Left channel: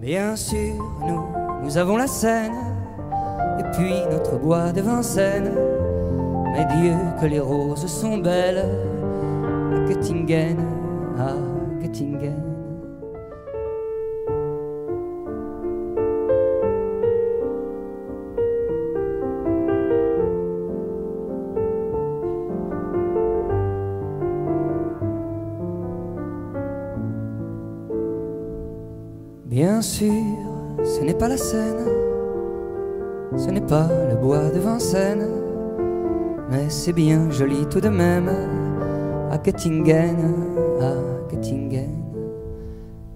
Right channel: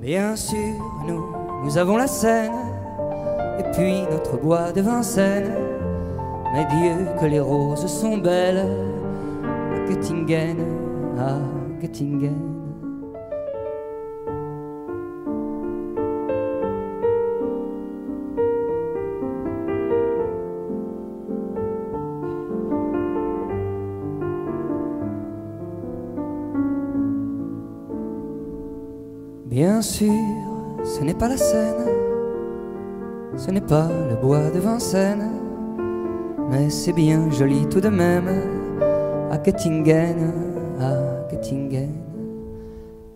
Bien sûr, nous avons la Seine, et puis notre bois de Vincennes. Mais Dieu que les roses sont belles à Göttingen, à Göttingen. Bien sûr, ce n'est pas la Seine, ce n'est pas le bois de Vincennes, mais c'est bien joli tout de même à Göttingen, à Göttingen.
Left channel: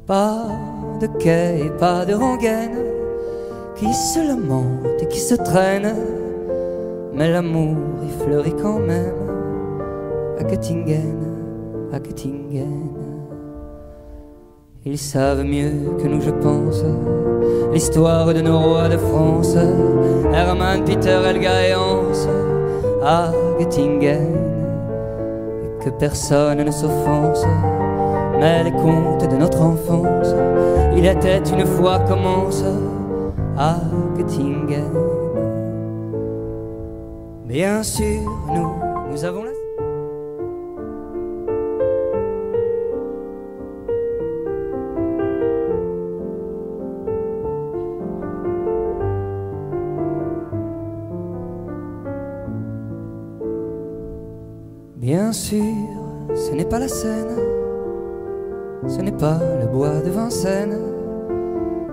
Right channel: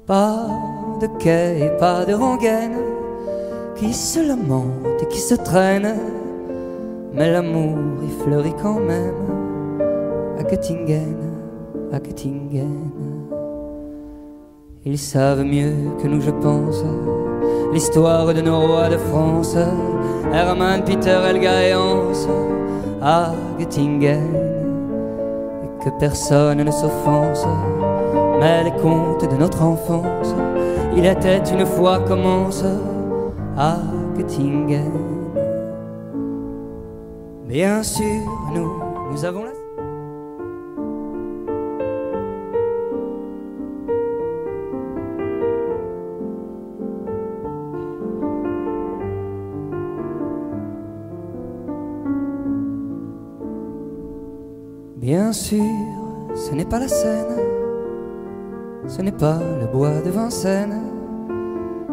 Pas de quai et pas de rengaine qui se lamentent et qui se traînent, mais l'amour y fleurit quand même à Göttingen, à Göttingen. Ils savent mieux que nous, je pense, l'histoire de nos rois de France, Hermann, Peter, Helga et Hans, à Göttingen. Et que personne ne s'offense, mais les contes de notre enfance, il était une fois commence à Göttingen. Bien sûr, nous avons la... Bien sûr, ce n'est pas la Seine, ce n'est pas le bois de Vincennes,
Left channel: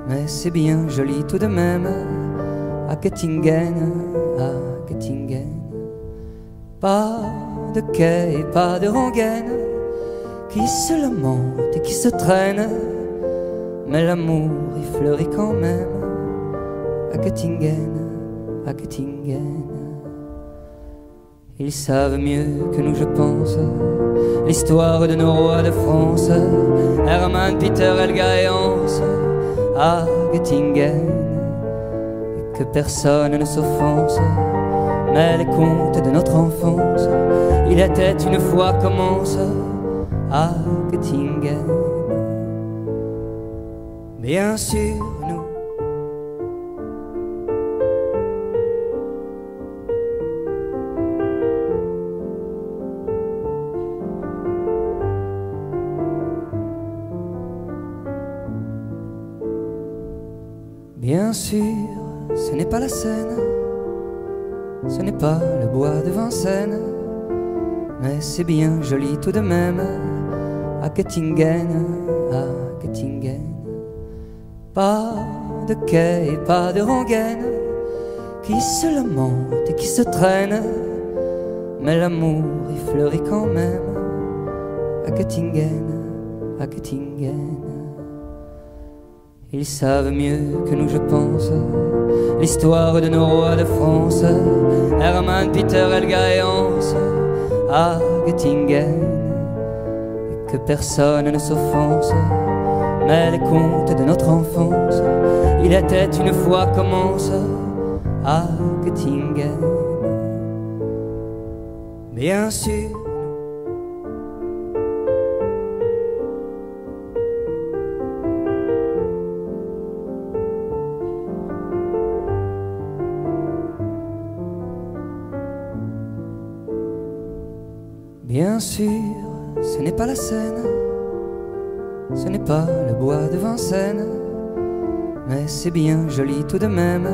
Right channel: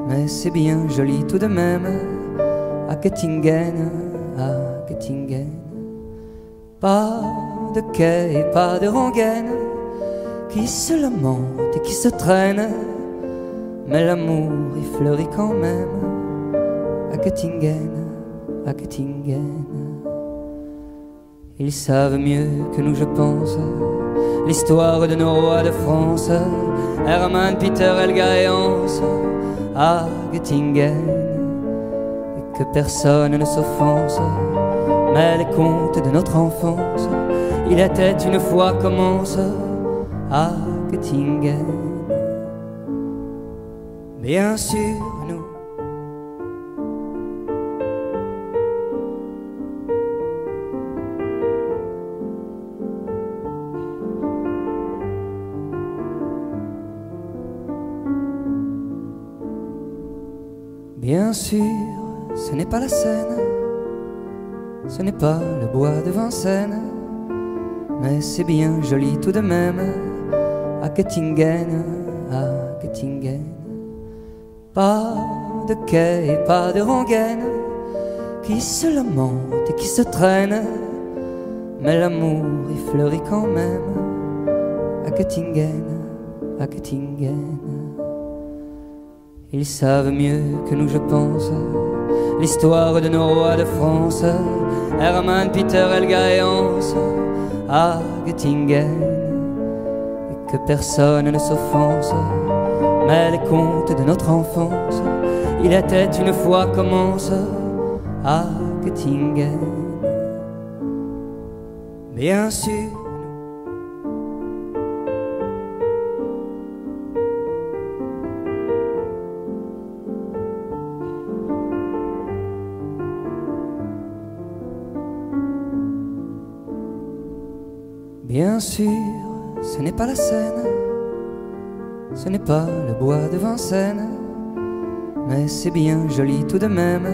mais c'est bien joli tout de même à Göttingen, à Göttingen. Pas de quai et pas de rengaine qui se lamentent et qui se traînent, mais l'amour y fleurit quand même à Göttingen, à Göttingen. Ils savent mieux que nous, je pense, l'histoire de nos rois de France, Hermann, Peter, Helga et Hans, à Göttingen. Et que personne ne s'offense, mais les contes de notre enfance, il était une fois commence à Göttingen. Bien sûr, bien sûr, ce n'est pas la Seine, ce n'est pas le bois de Vincennes, mais c'est bien joli tout de même à Göttingen, à Göttingen. Pas de quai et pas de rengaine qui se lamentent et qui se traînent, mais l'amour y fleurit quand même à Göttingen, à Göttingen. Ils savent mieux que nous, je pense, l'histoire de nos rois de France, Hermann, Peter, Helga et Hans, à Göttingen. Et que personne ne s'offense, mais les contes de notre enfance, il était une fois commence à Göttingen. Bien sûr, bien sûr, ce n'est pas la Seine, ce n'est pas le bois de Vincennes, mais c'est bien joli tout de même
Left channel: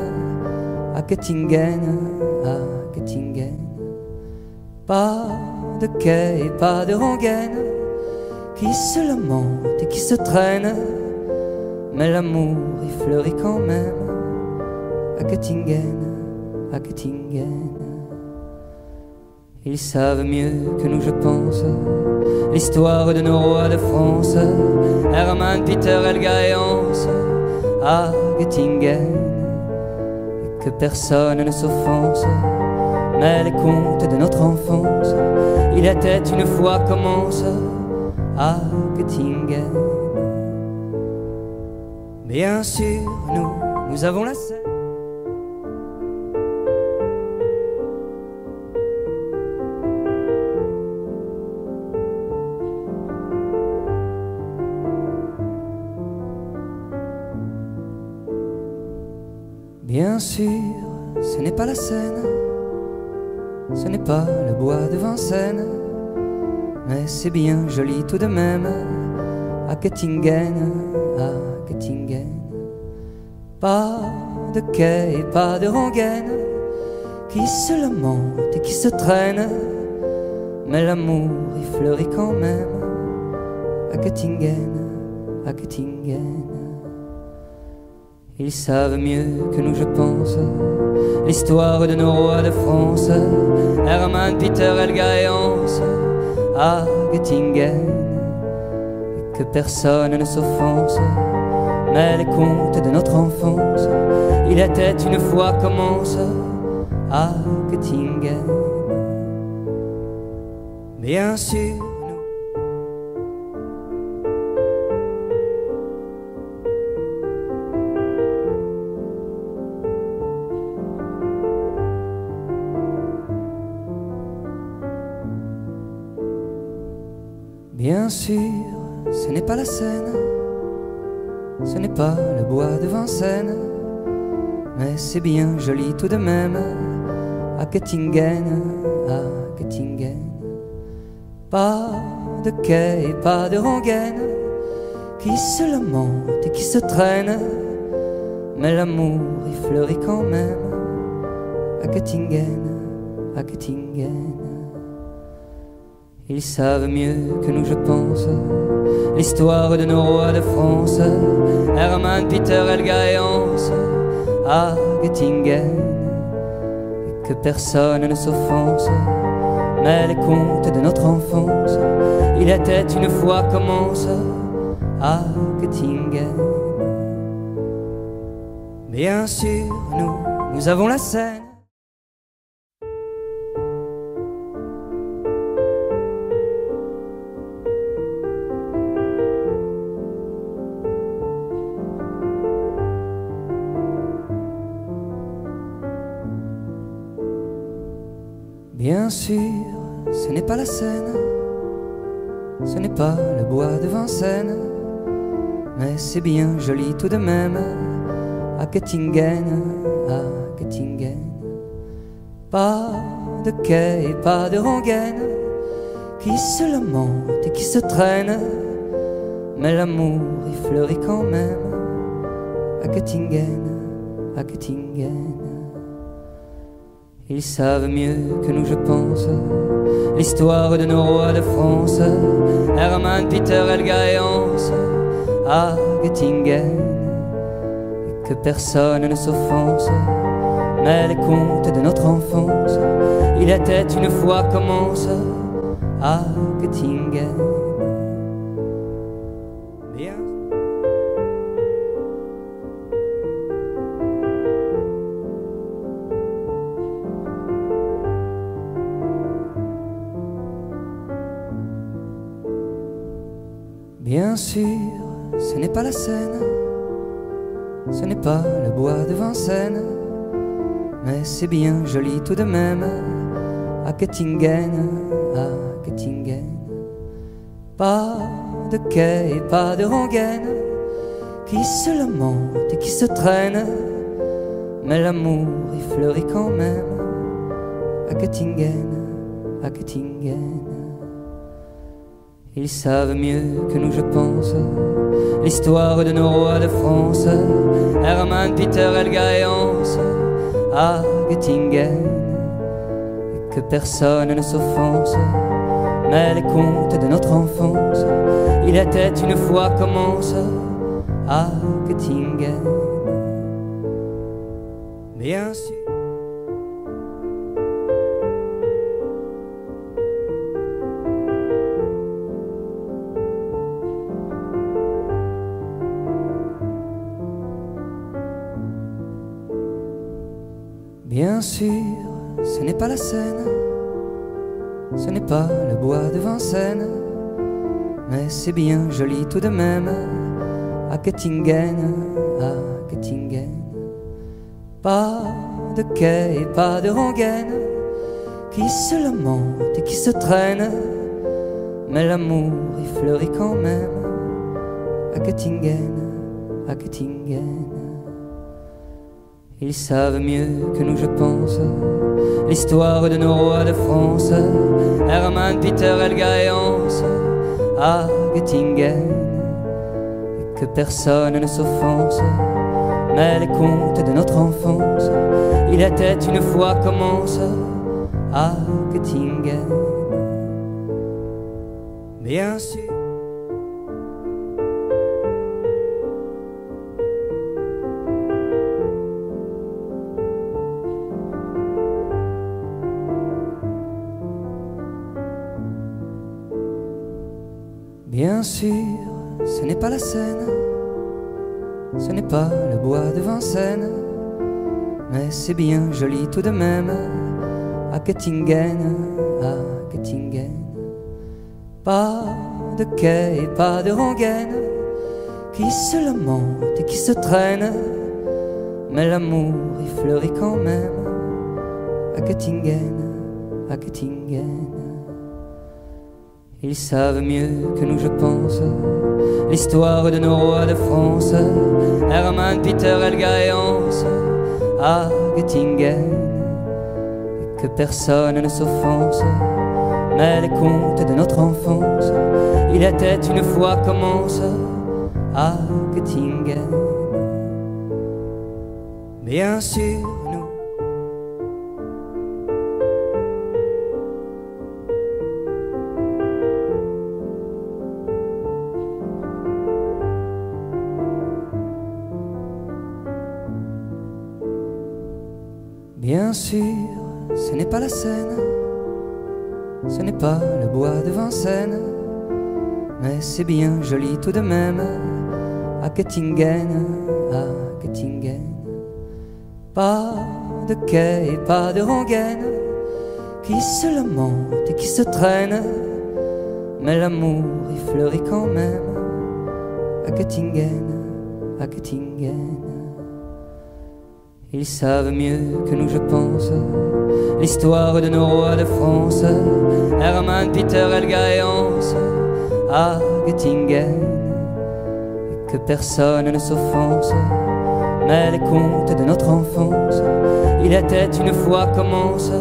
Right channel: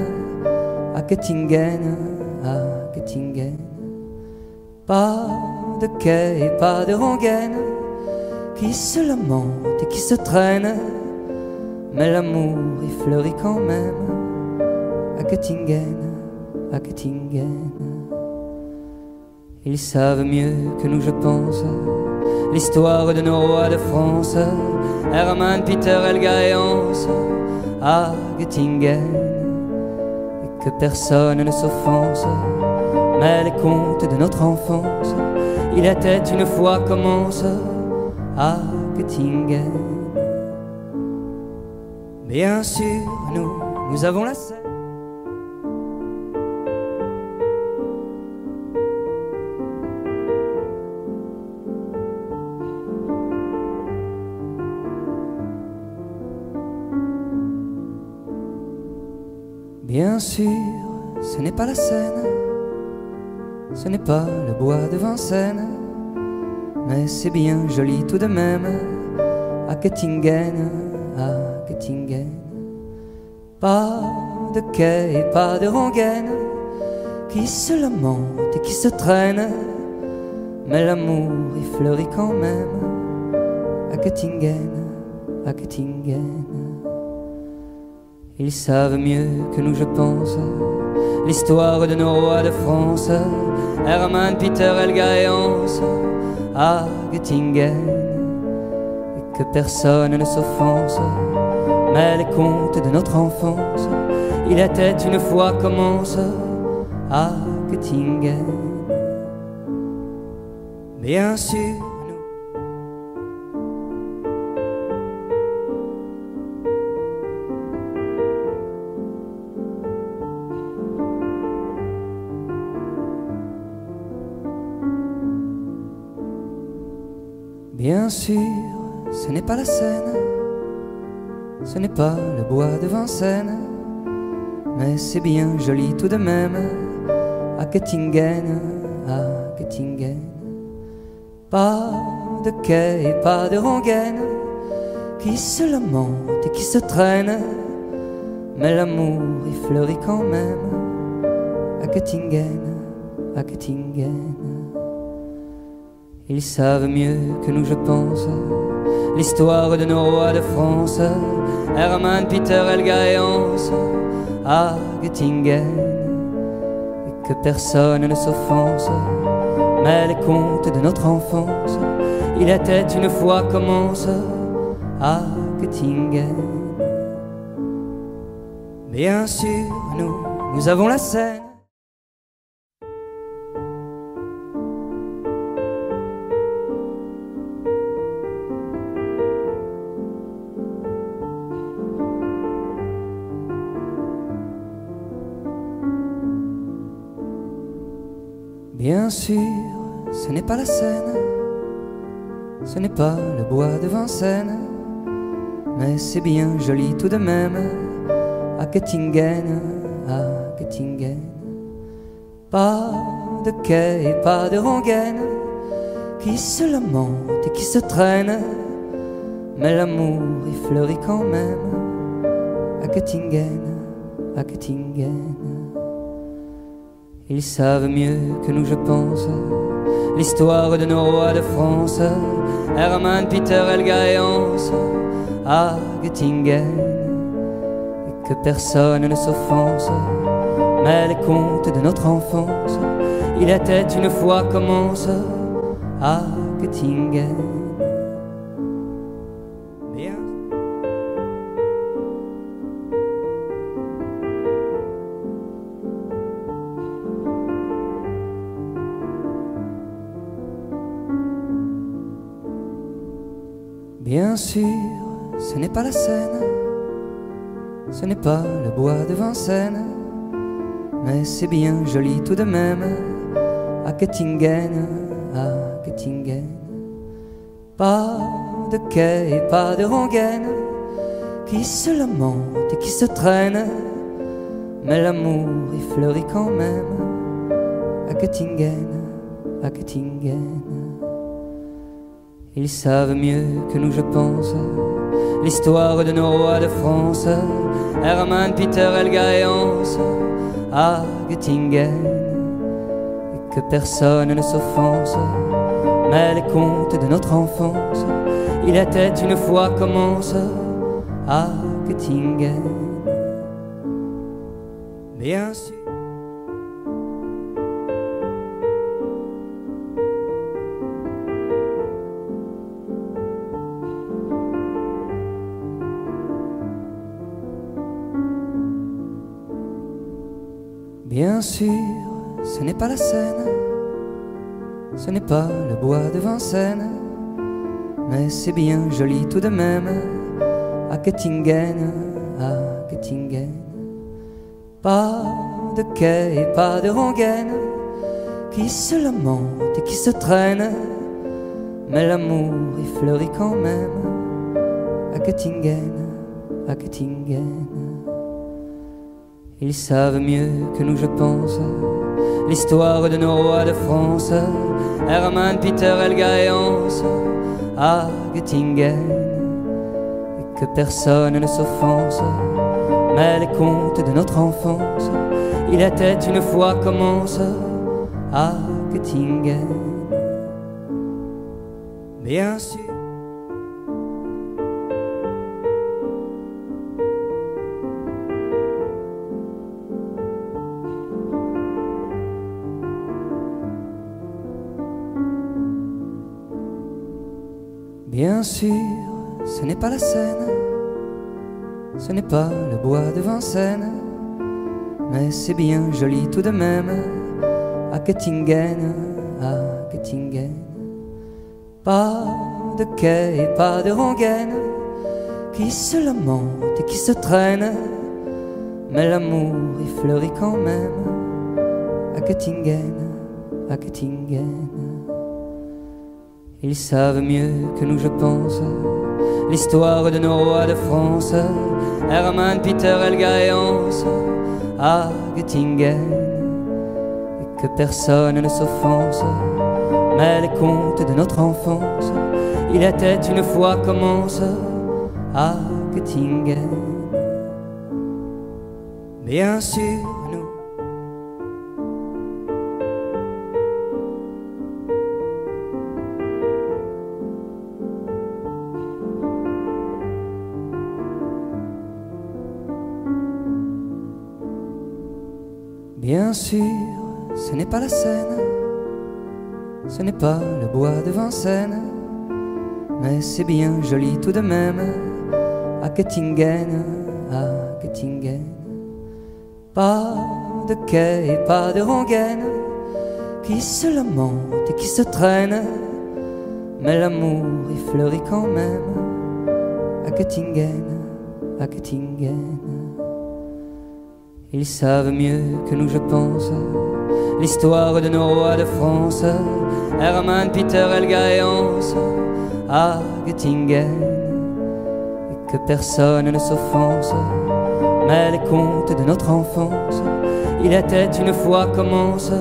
à Göttingen, à Göttingen. Pas de quai et pas de rengaine qui se lamentent et qui se traînent, mais l'amour y fleurit quand même à Göttingen, à Göttingen. Ils savent mieux que nous, je pense, l'histoire de nos rois de France, Hermann, Peter, Helga et Hans, à Göttingen. Et que personne ne s'offense, mais les contes de notre enfance, il était une fois commence à Göttingen. Bien sûr, nous avons la Seine. Bien sûr, ce n'est pas la Seine, ce n'est pas le bois de Vincennes, mais c'est bien joli tout de même à Göttingen, à Göttingen. Pas de quai et pas de rengaine qui se lamentent et qui se traînent, mais l'amour y fleurit quand même à Göttingen, à Göttingen. Ils savent mieux que nous, je pense, l'histoire de nos rois de France, Hermann, Peter, Helga et Hans, à Göttingen. Et que personne ne s'offense, mais les contes de notre enfance, il était une fois commence à Göttingen. Bien sûr, bien sûr, ce n'est pas la Seine, ce n'est pas le bois de Vincennes, mais c'est bien joli tout de même à Göttingen, à Göttingen. Pas de quai et pas de rengaine qui se lamentent et qui se traînent, mais l'amour y fleurit quand même à Göttingen, à Göttingen. Ils savent mieux que nous, je pense, l'histoire de nos rois de France, Hermann, Peter, Helga et Hans, à Göttingen. Et que personne ne s'offense, mais les contes de notre enfance, il était une fois commence à Göttingen. Bien sûr, nous avons la Seine. Bien sûr, ce n'est pas la Seine, ce n'est pas le bois de Vincennes, mais c'est bien joli tout de même à Göttingen, à Göttingen. Pas de quai et pas de rengaine qui se lamentent et qui se traînent, mais l'amour y fleurit quand même à Göttingen, à Göttingen. Ils savent mieux que nous, je pense, l'histoire de nos rois de France, Hermann, Peter, Helga et Hans, à Göttingen. Et que personne ne s'offense, mais les contes de notre enfance, il était une fois commence à Göttingen. Bien. Bien sûr, ce n'est pas la Seine, ce n'est pas le bois de Vincennes, mais c'est bien joli tout de même à Göttingen, à Göttingen. Pas de quai et pas de rengaine qui se lamentent et qui se traînent, mais l'amour y fleurit quand même à Göttingen, à Göttingen. Ils savent mieux que nous, je pense, l'histoire de nos rois de France, Hermann, Peter, Helga et Hans, à Göttingen. Et que personne ne s'offense, mais les contes de notre enfance, il était une fois commence à Göttingen. Bien sûr. Bien sûr, ce n'est pas la Seine, ce n'est pas le bois de Vincennes, mais c'est bien joli tout de même à Göttingen, à Göttingen. Pas de quai et pas de rengaine qui se lamentent et qui se traînent, mais l'amour y fleurit quand même à Göttingen, à Göttingen. Ils savent mieux que nous, je pense, l'histoire de nos rois de France, Hermann, Peter, Helga et Hans, à Göttingen, et que personne ne s'offense, mais les contes de notre enfance, il était une fois commence, à Göttingen, bien sûr. Bien sûr, ce n'est pas la Seine, ce n'est pas le bois de Vincennes, mais c'est bien joli tout de même, à Göttingen, à Göttingen. Pas de quai et pas de rengaine, qui se lamentent et qui se traînent, mais l'amour y fleurit quand même, à Göttingen, à Göttingen. Ils savent mieux que nous, je pense, l'histoire de nos rois de France, Hermann, Peter, Helga et Hans, à Göttingen, et que personne ne s'offense, mais les contes de notre enfance, il était une fois commence, à Göttingen. Bien sûr, nous bien sûr, ce n'est pas la Seine, ce n'est pas le bois de Vincennes, mais c'est bien joli tout de même, à Göttingen, à Göttingen. Pas de quai et pas de rengaine, qui se lamentent et qui se traînent, mais l'amour y fleurit quand même, à Göttingen, à Göttingen. Ils savent mieux que nous, je pense, l'histoire de nos rois de France, Hermann, Peter, Helga et Hans, à Göttingen, et que personne ne s'offense, mais les contes de notre enfance, il était une fois commence,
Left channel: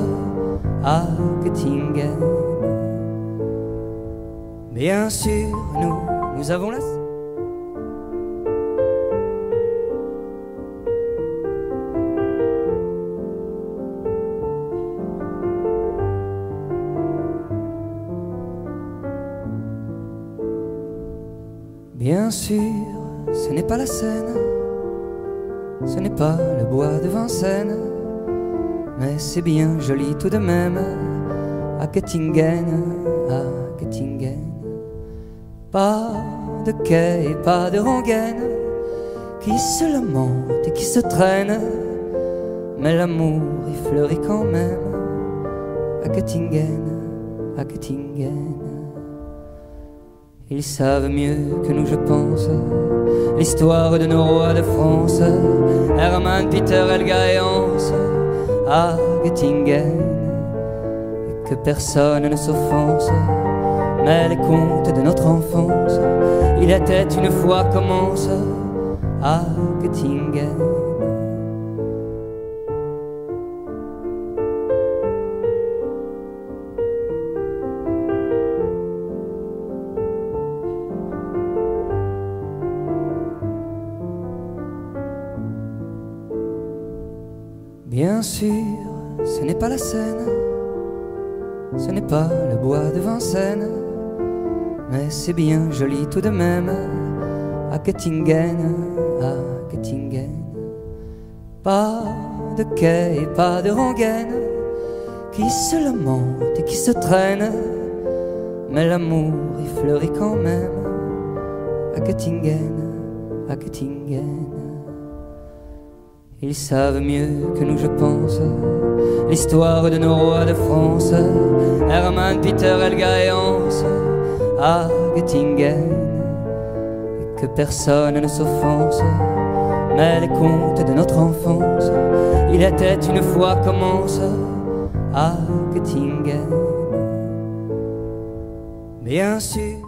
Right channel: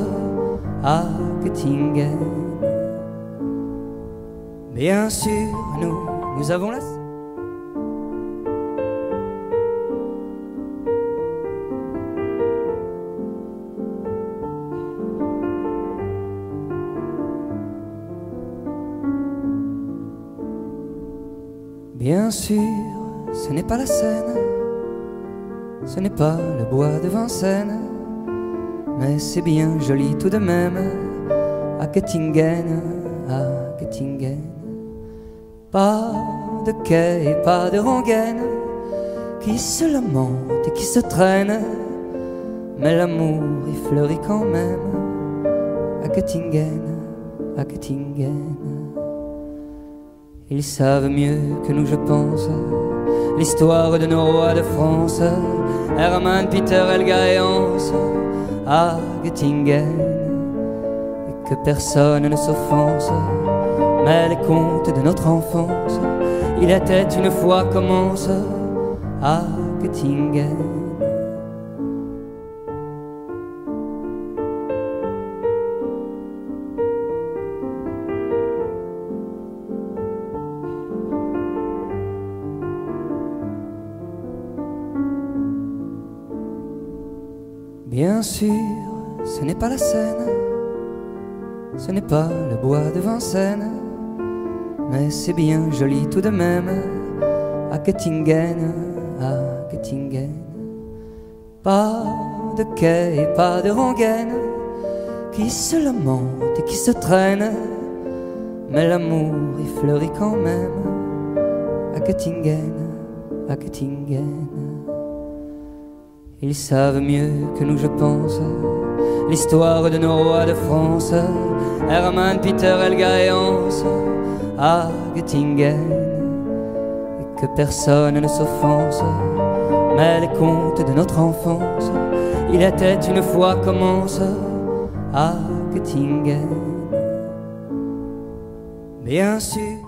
à Göttingen. Bien sûr, nous avons la Seine. Bien sûr, ce n'est pas la Seine, ce n'est pas le bois de Vincennes, mais c'est bien joli tout de même, à Göttingen, à Göttingen. Pas de quai et pas de rengaine, qui se lamentent et qui se traînent, mais l'amour y fleurit quand même, à Göttingen, à Göttingen. Ils savent mieux que nous, je pense, l'histoire de nos rois de France, Hermann, Peter, Helga et Hans, à Göttingen, et que personne ne s'offense, mais les contes de notre enfance, il était une fois commence, à Göttingen. Bien sûr, ce n'est pas la Seine, ce n'est pas le bois de Vincennes, mais c'est bien joli tout de même, à Göttingen, à Göttingen. Pas de quai et pas de rengaine, qui se lamentent et qui se traînent, mais l'amour y fleurit quand même, à Göttingen, à Göttingen. Ils savent mieux que nous, je pense, l'histoire de nos rois de France, Hermann, Peter, Helga et Hans, à Göttingen, et que personne ne s'offense, mais les contes de notre enfance, il était une fois commence, à Göttingen. Bien sûr,